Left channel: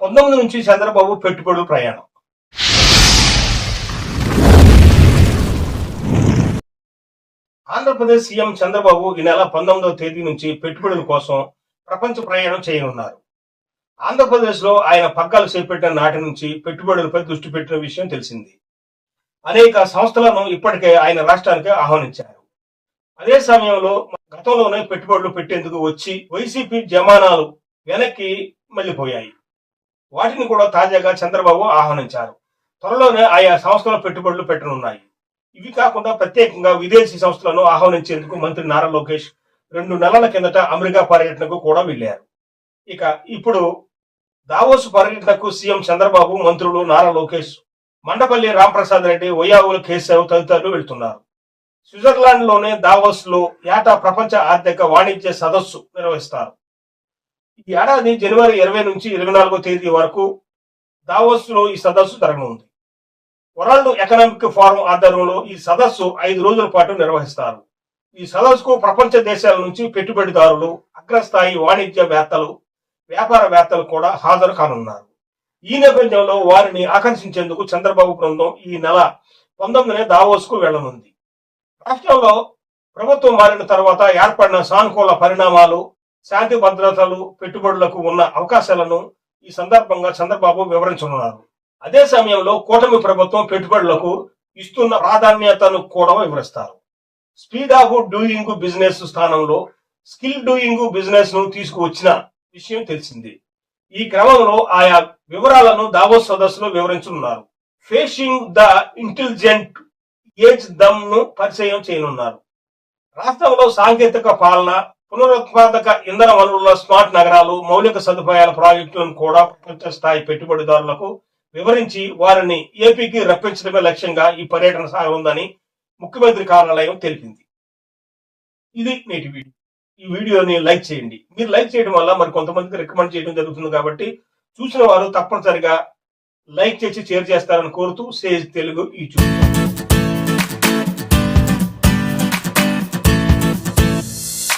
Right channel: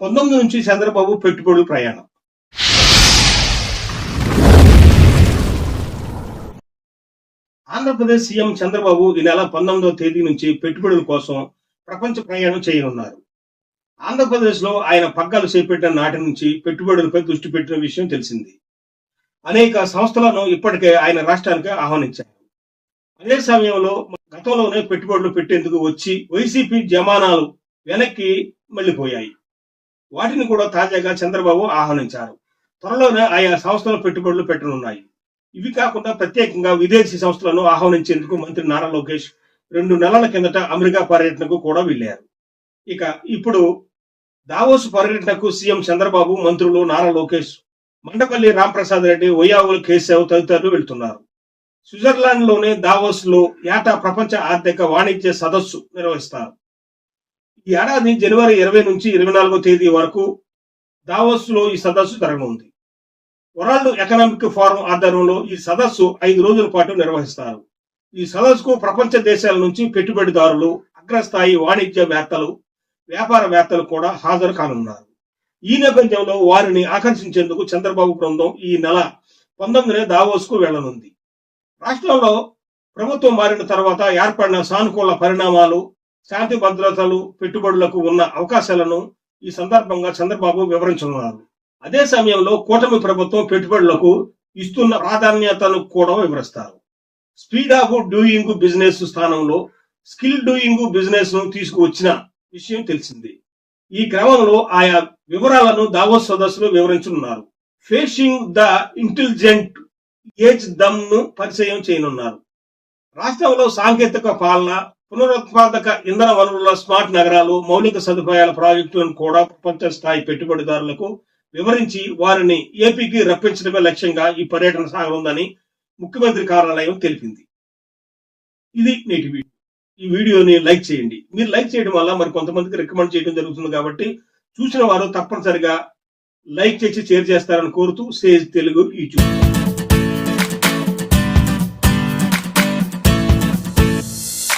పంతొమ్మిది నుంచి చంద్రబాబు పెట్టుబడులు ప్రయాణం. ఆంధ్రప్రదేశ్ సీఎం చంద్రబాబు ఈ నెల పంతొమ్మిదవ తేదీ నుంచి పెట్టుబడుల కోసం ప్రపంచ ప్రయాణం చేయనున్నారు. ఆంధ్రప్రదేశ్లో ఆయన పగ్గాలు చేపట్టిన నాటి నుంచి పెట్టుబడులపై దృష్టి పెట్టిన విషయం తెలిసింది. అనేక సంస్థలను ఇప్పటికే ఆయన రాష్ట్రానికి ఆహ్వానించారు. అదే సమయంలో గతంలోనే పెట్టుబడులు పెట్టేందుకు వచ్చి వైసీపీ జమానాలు వెనక్కి మళ్ళీపోయాయి. వాటిని కూడా తాజాగా చంద్రబాబు ఆహ్వానించారు. త్వరలోనే ఆయా సంస్థల పెట్టుబడులు పెట్టనున్నాయి. ఇవి కాకుండా ప్రత్యేకంగా విదేశీ సంస్థలను ఆహ్వానించేందుకు మంత్రి నారా లోకేష్ రెండు నెలల కిందట అమెరికా పర్యటనకు కూడా వెళ్ళారు ఇక ఇప్పుడు దావోస్ పర్యటనకు సీఎం చంద్రబాబు మంత్రులు నారా లోకేష్ మండపల్లి రాంప్రసాద్ రెడ్డి ఒయ్యావుల కేశవ్ తదితరులు వెళ్తున్నారు. స్విట్జర్లాండ్లోనే దావోస్లో దావోస్ ఏటా ప్రపంచ ఆర్థిక వాణిజ్య సదస్సు నిర్వహిస్తారు. ఈ ఏడాది జనవరి ఇరవై నుంచి ఇరవై నాలుగో తేదీ వరకు దావోస్లో ఈ సదస్సు జరగనుంది. వరల్డ్ ఎకనామిక్ ఫోరం ఆధ్వర్యంలో ఈ సదస్సు ఐదు రోజుల పాటు నిర్వహిస్తారు. ఈ సదస్సుకు ప్రపంచ దేశాల నుంచి పెట్టుబడిదారులు అగ్రస్థాయి వాణిజ్యవేత్తలు వ్యాపారవేత్తలు కూడా హాజరు కానున్నారు. ఈ నేపథ్యంలో వారిని ఆకర్షించేందుకు చంద్రబాబు బృందం ఈ నెల పంతొమ్మిదినే దావోస్కు వెళ్ళనుంది. రాష్ట్రంలో ప్రభుత్వం మారిన తర్వాత ఏర్పడిన సానుకూల పరిణామాలు శాంతి భద్రతలు పెట్టుబడులకు ఉన్న అవకాశాలను ఈ సందర్భంగా చంద్రబాబు వివరించనున్నారు. అదే సమయంలో కూటమి ప్రభుత్వం పెట్టుబడులకు ఇస్తున్న ప్రాధాన్యతను కూడా వివరిస్తారు. స్పీడ్ ఆఫ్ డూయింగ్ బిజినెస్ స్థానంలో స్కిల్ డూయింగ్ బిజినెస్ను తీసుకువచ్చిన విషయం తెలిసింది. ఈ క్రమంలో ఆయా వివరాలను దావోస్ సదస్సులో వివరించనున్నారు. ఫేషింగ్ ద ఇంటెలిజెంట్ ఏజ్ దమ్ను పరిచయం చేయనున్నారు. రాష్ట్రంలో సాంకేతిక పాలన పునరుత్పాదక ఇంధన వనరుల స్మార్ట్ నగరాలు మౌలిక సదుపాయాల ప్రాజెక్టులను కూడా ప్రపంచ స్థాయి పెట్టుబడిదారులకు వివరించి వారిని ఏపీకి రప్పించడమే లక్ష్యంగా ఈ పర్యటన సాగనుందని ముఖ్యమంత్రి కార్యాలయం తెలిపింది. ఇది నేటి వీడియో. ఈ వీడియోని లైక్ చేయండి. మీరు లైక్ చేయడం వల్ల మరి కొంతమందికి రికమెండ్ చేయడం జరుగుతుంది కాబట్టి చూసిన వారు తప్పనిసరిగా లైక్ చేసి షేర్ చేస్తారని కోరుతూ సేజ్ తెలుగు యూట్యూబ్ ఛానల్.